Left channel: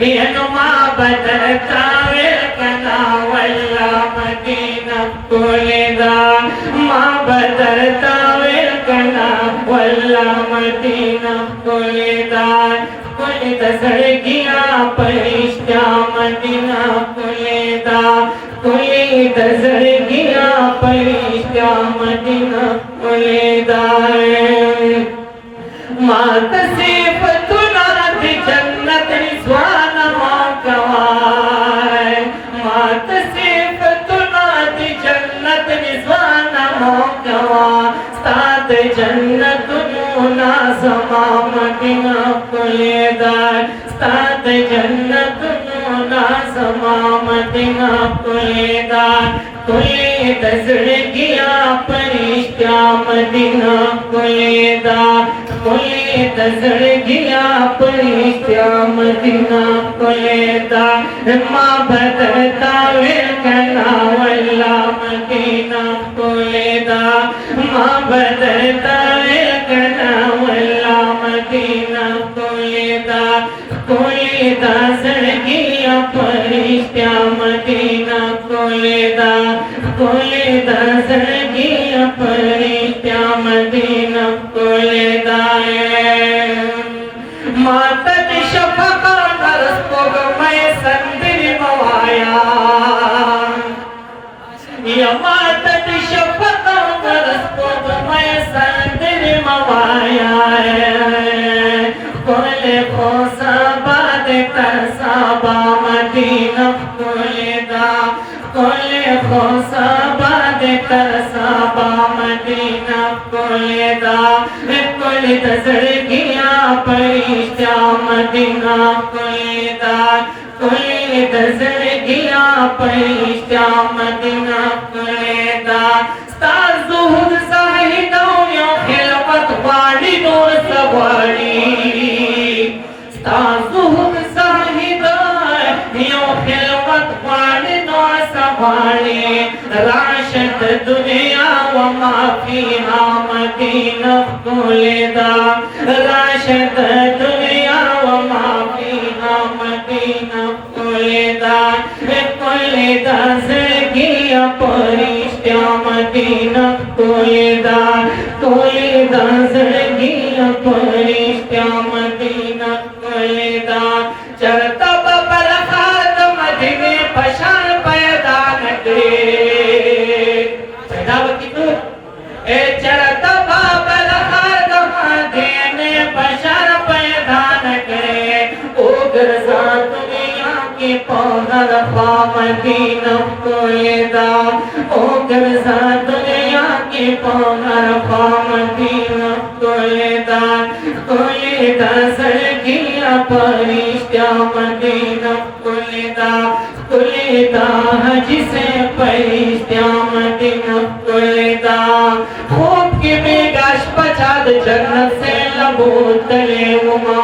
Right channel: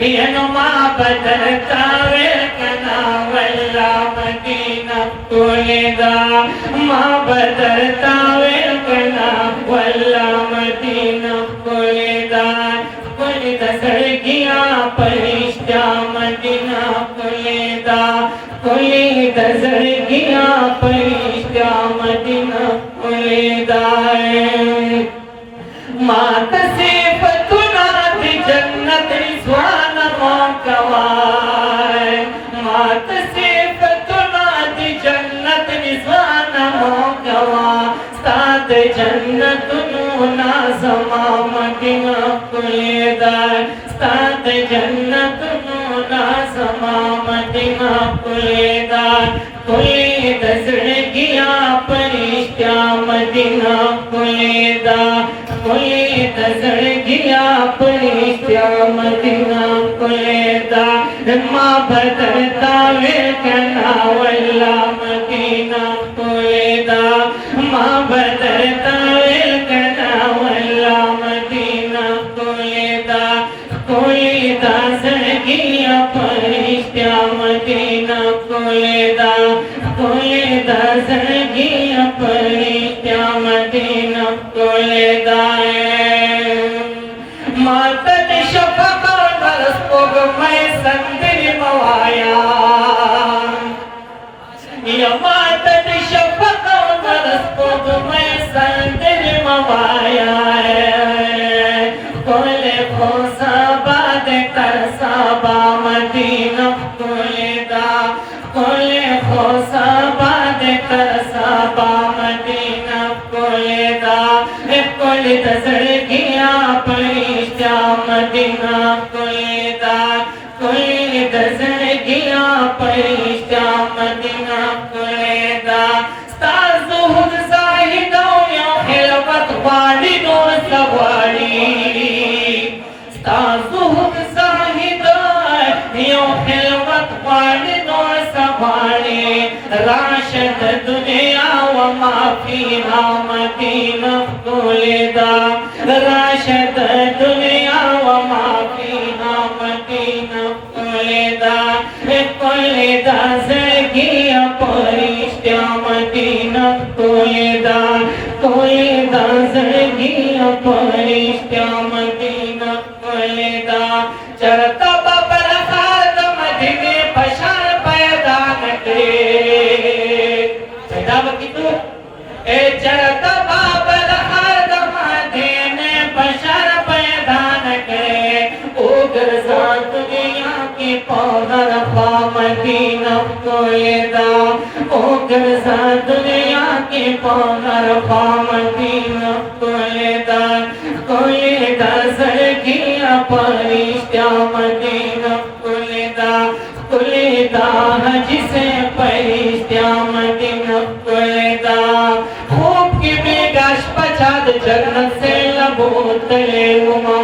बदलता कना वल्ला मदीना कोलेदा माँ बदलता कना वल्ला मदीना कोलेदा कोलेदा सड़किया परिश्ता मदीना कोलेदा कोलेदा सड़किया परिश्ता मदीना कोलेदा मात सिर्फ तुनात जन्नत स्वान कवाय मात सिर्फ तुनात जन्नत स्वान कवा सात जन्नत मुना समा मदीना कुलेदा सात जन्नत मुना समा मदीना कुलेदा कुलेदा सड़किया परिश्ता मदीना कुलेदा कुलेदा सड़किया परिश्ता मदीना कुलेदा माँ बदलता कना वल्ला मदीना कुलेदा माँ बदलता कना वल्ला मदीना कुलेदा कुलेदा सड़किया परिश्ता मदीना कुलेदा कुलेदा सड़किया परिश्ता मदीना कुलेदा माता शफका नरस्पोग मैं संदिर मवाया या माता शफका नरस्पोग मैं संदिर मवाया कोले खोसा बाद तरसाबा मदीना कोलेदा कोले खोसा बाद तरसाबा मदीना कोलेदा कोलेदा सड़किया परिश्ता मदीना कुलेदा कुलेदा सड़किया परिश्ता मदीना कुलेदा ताज़ुहुद साहिदो या खिलवत वाली नो सवारी ताज़ुहुद साहिदो या खिलवत वाली नो सवारी राशद दुनिया व माफिहा मदीना कुलेदा राशद दुनिया व माफिहा मदीना कुलेदा कुलेदा सड़किया परिश्ता मदीना कुलेदा कुलेदा सड़किया परिश्ता मदीना कुलेदा चलता बबर खाद मदीने पशान पैदा न करे पैदा वकीतु ए चलता बाबर खाद मदीने पशान पैदा न करे उगर सा दुनिया की पौधर पा मदीना कुलेदा उगर सा दुनिया की पौधर पा मदीना कुलेदा कुलेदा सड़किया परिश्ता मदीना कुलेदा कुलेदा हज से परिश्ता मदीना कुलेदा खूब की बेगाश पचाद जन्नत से लबोतले उमा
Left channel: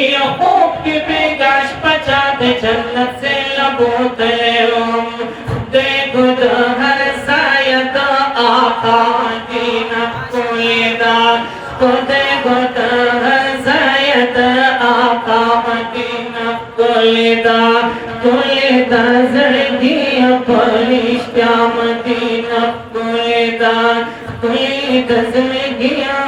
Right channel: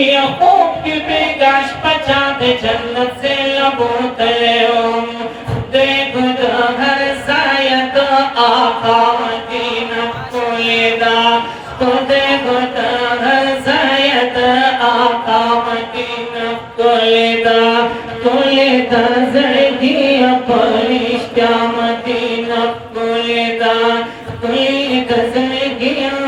या खूब की बेगाश पचाद जन्नत से लबोतले दे खुद हर सायत आका मदीना कुलेदा खुदे खुद हर सायत आका मदीना कुलेदा कुलेदा सड़किया परिश्ता मदीना कुलेदा कुलेदा सड़किया